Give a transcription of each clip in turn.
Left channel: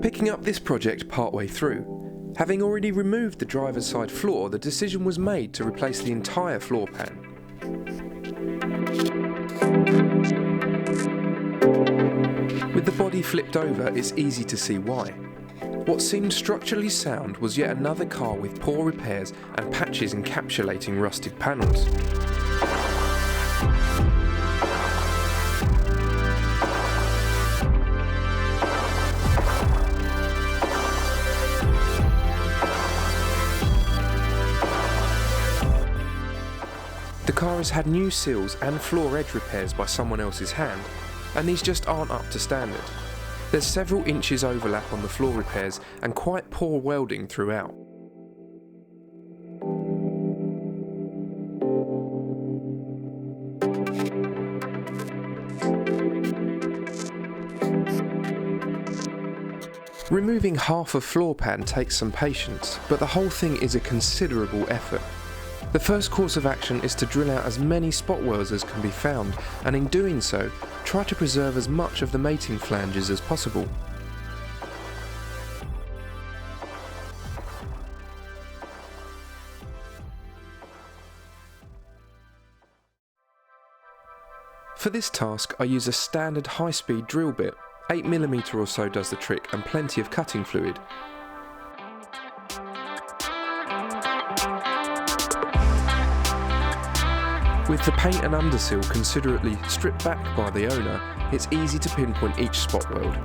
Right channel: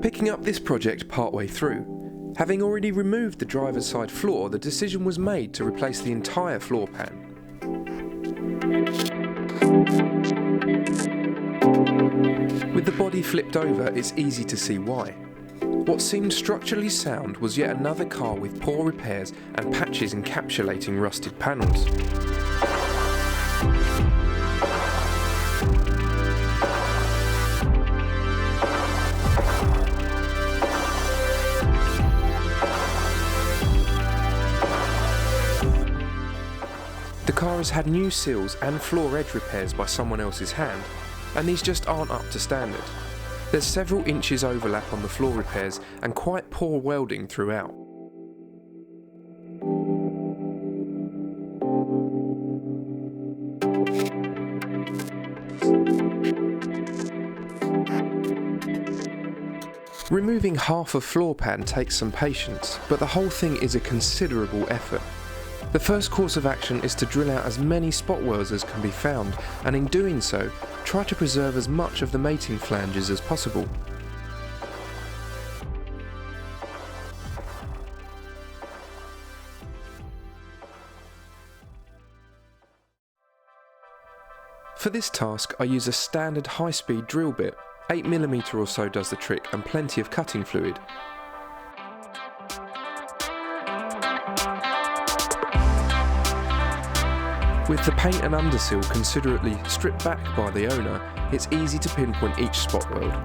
picking up this project partway through. Having already removed the driver's side floor, the decision was made to replace the entire floor pan. With the body flipped over, it's easy to see why. What seemed structurally sound was yet another car with poor repairs and patches encapsulating rusted panels. The car has had new sills and floor edge repairs by someone else's hand, and these just aren't up to standard. There's several inches overlap on the floor repairs and quite poor welding throughout. Removing half a floor pan takes some patience, but the whole thing is a considerable effort. The first course of action is to drill out as many spot welds as can be found, and in doing so, try to preserve as much of the mating flanges as possible. For this task, I use a standard high-speed drill bit. 8mm or so does the trick, and plenty of cutting fluid. With the paint and undersill considerately stripped back by the owner, it's easy to pinpoint each spot weld.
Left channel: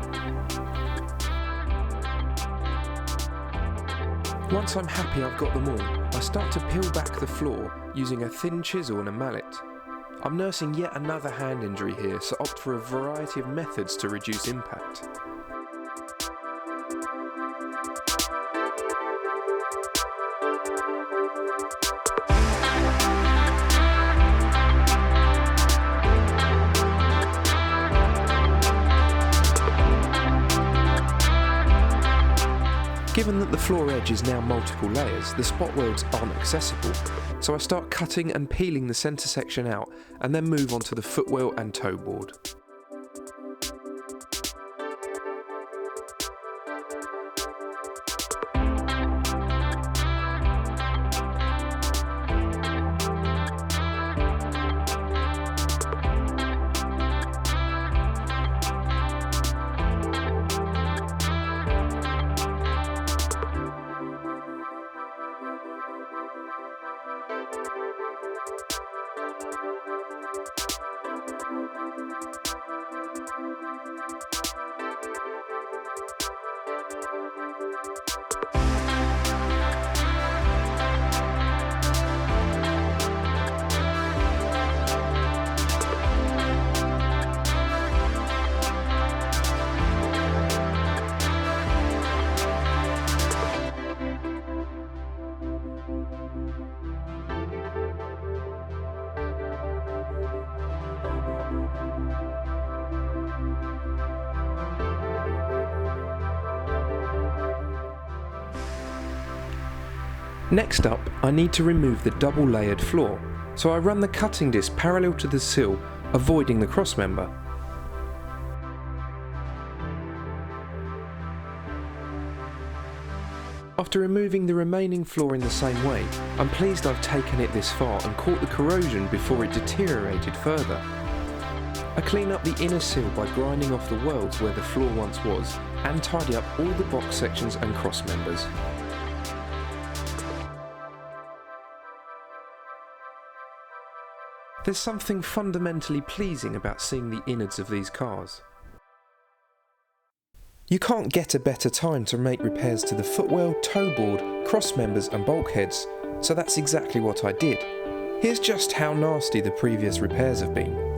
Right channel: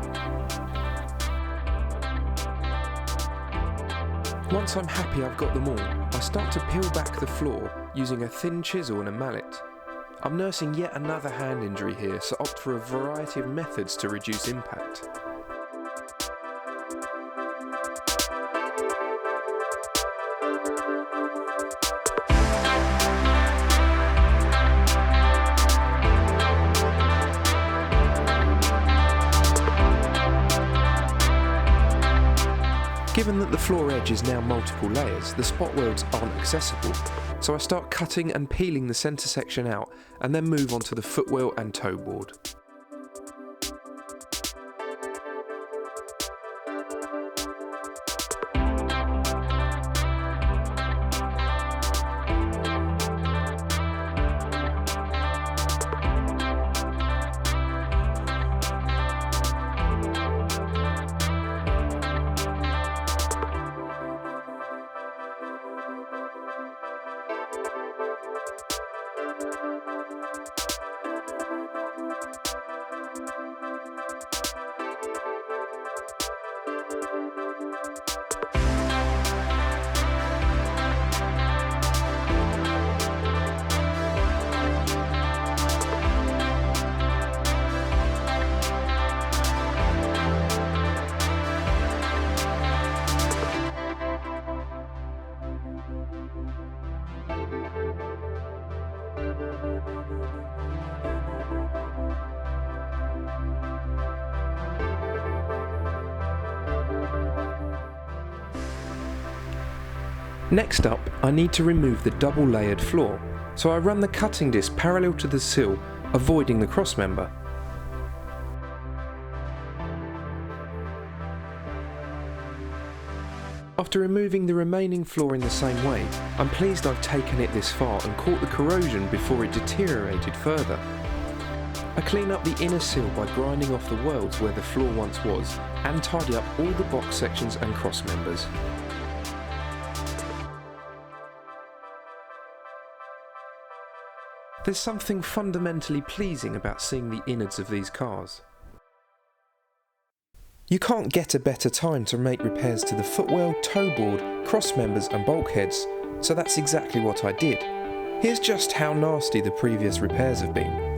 Once I'm happy I've got them all, I start to peel back the floor using a thin chisel and a mallet. I'm nursing yet another hand injury here, so opt for a variety of methods to reduce impact. Given that the floor edge is now multiple layers, the spot welds aren't accessible, so I start cutting and peeling the centre section out and then move on to the footwell and toe board. Next up, I need to remove the double layered floor, so I run the cutting disc parallel to the sill, avoiding the crossmember. After removing the remaining floor in the same way, I'm pleased I've taken it this far and caught the corrosion before it deteriorated further. I clean up the inner sill by grinding off the welds where the floor once was, and tidy up all the box sections and crossmembers. There's something fundamentally pleasing about seeing the innards of these cars. You can't get a better time to make repairs to the footwell, toe board, crossmembers and bulkheads, so that's exactly what I did. Here's just how nasty the previous repairs have been.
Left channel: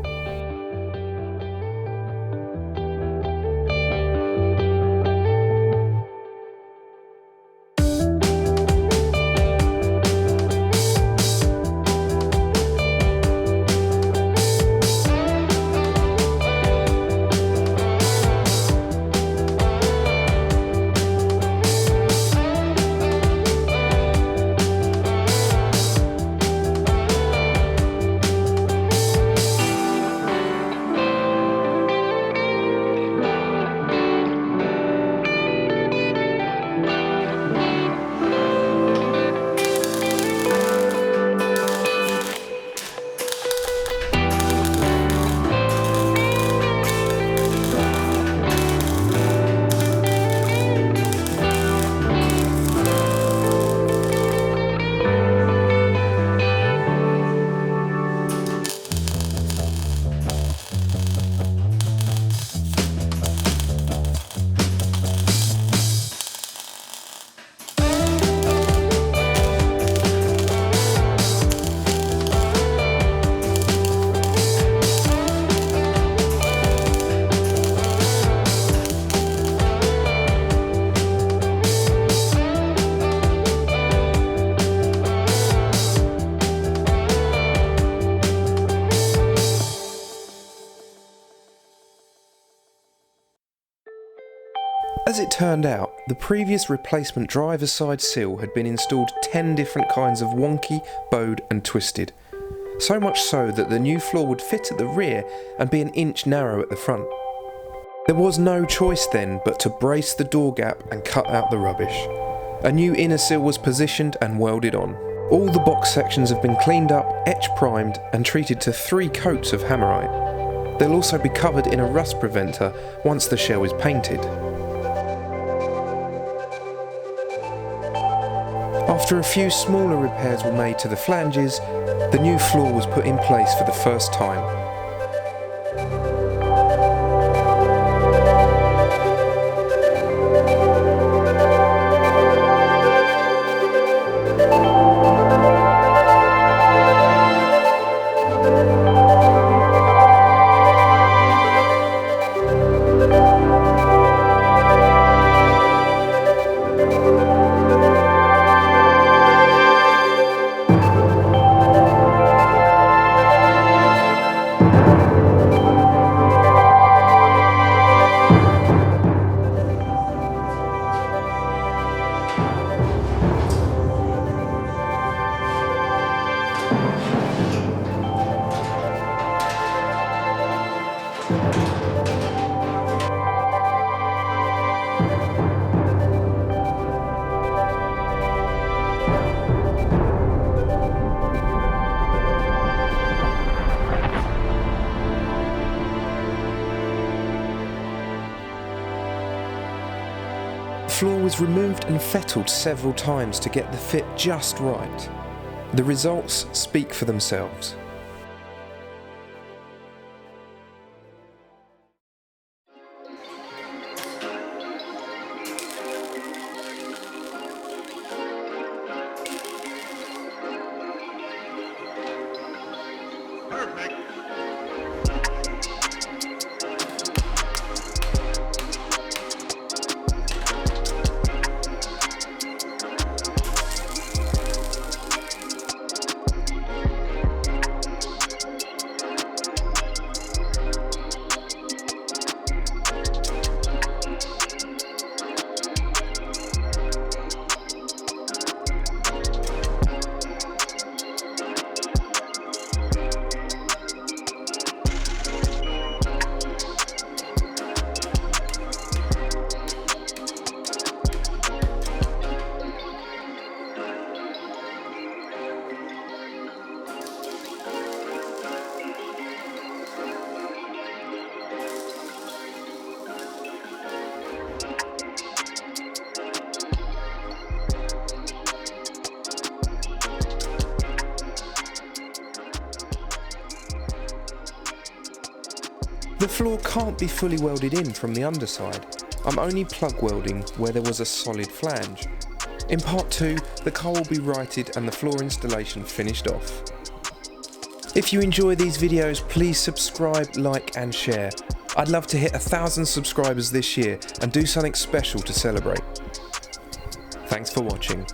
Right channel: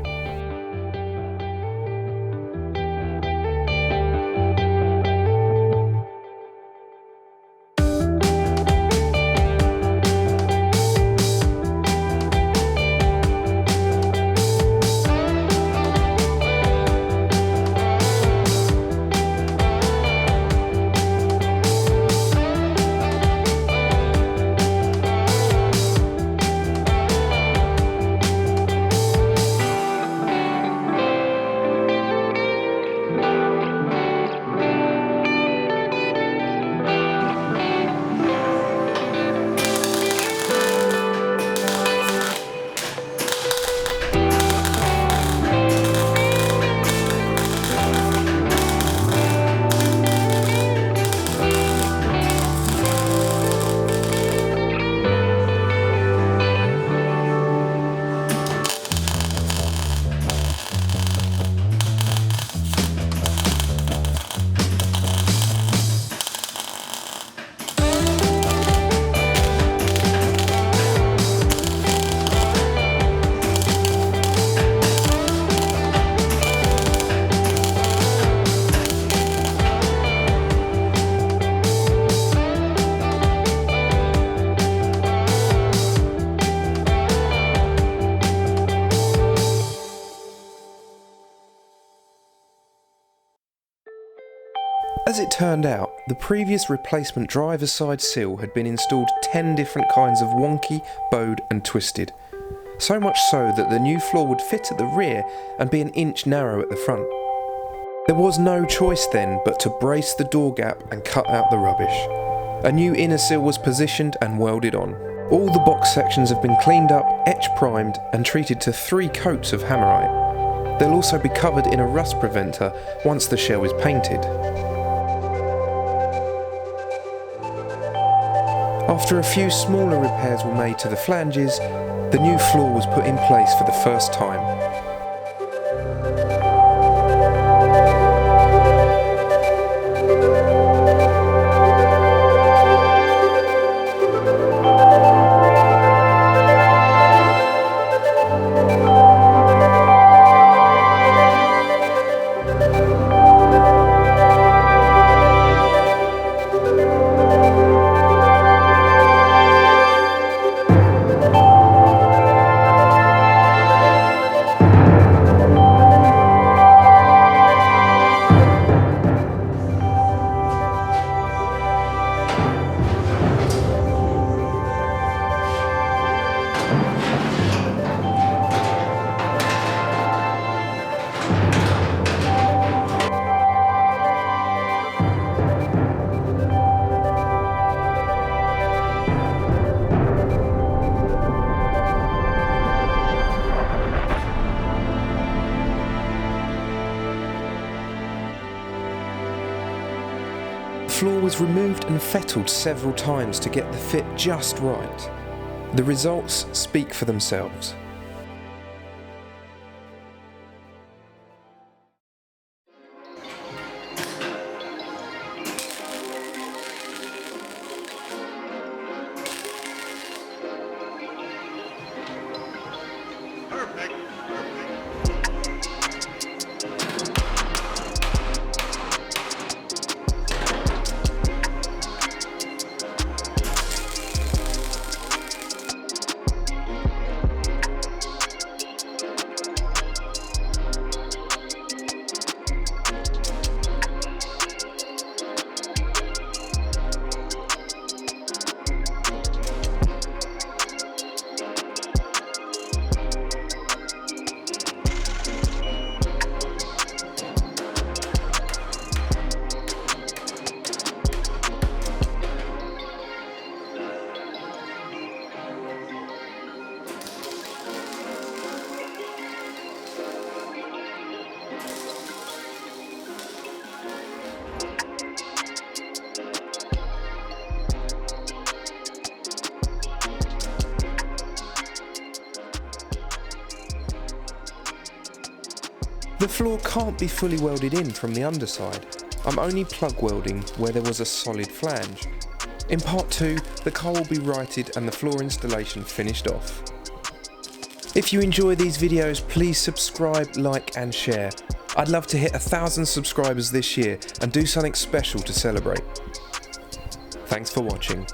As it turned out, the previous replacement driver's side sill had been installed 10 different kinds of wonky, bowed and twisted. So much so that the new floor would fit at the rear and be an inch narrow at the front. There was no choice then but to brace the door gap and cut out the rubbish. A new inner sill was positioned and welded on. All the box sections have been cleaned up, etch primed and treated to 3 coats of hammerite. They'll also be covered in a rust preventer once the shell is painted. After a few smaller repairs were made to the flanges, the new floor was put in place for the first time. The floor was removed and fettled several times to get the fit just right. The results speak for themselves. Perfect. The floor can't be fully welded in from the underside. I'm only plug welding where there was a solid flange. In part 2, the car will be righted and the floor installation finished off. If you enjoy these videos, please subscribe, like and share. I'd love to hit 1,000 subscribers this year and do something special to celebrate. Thanks for watching.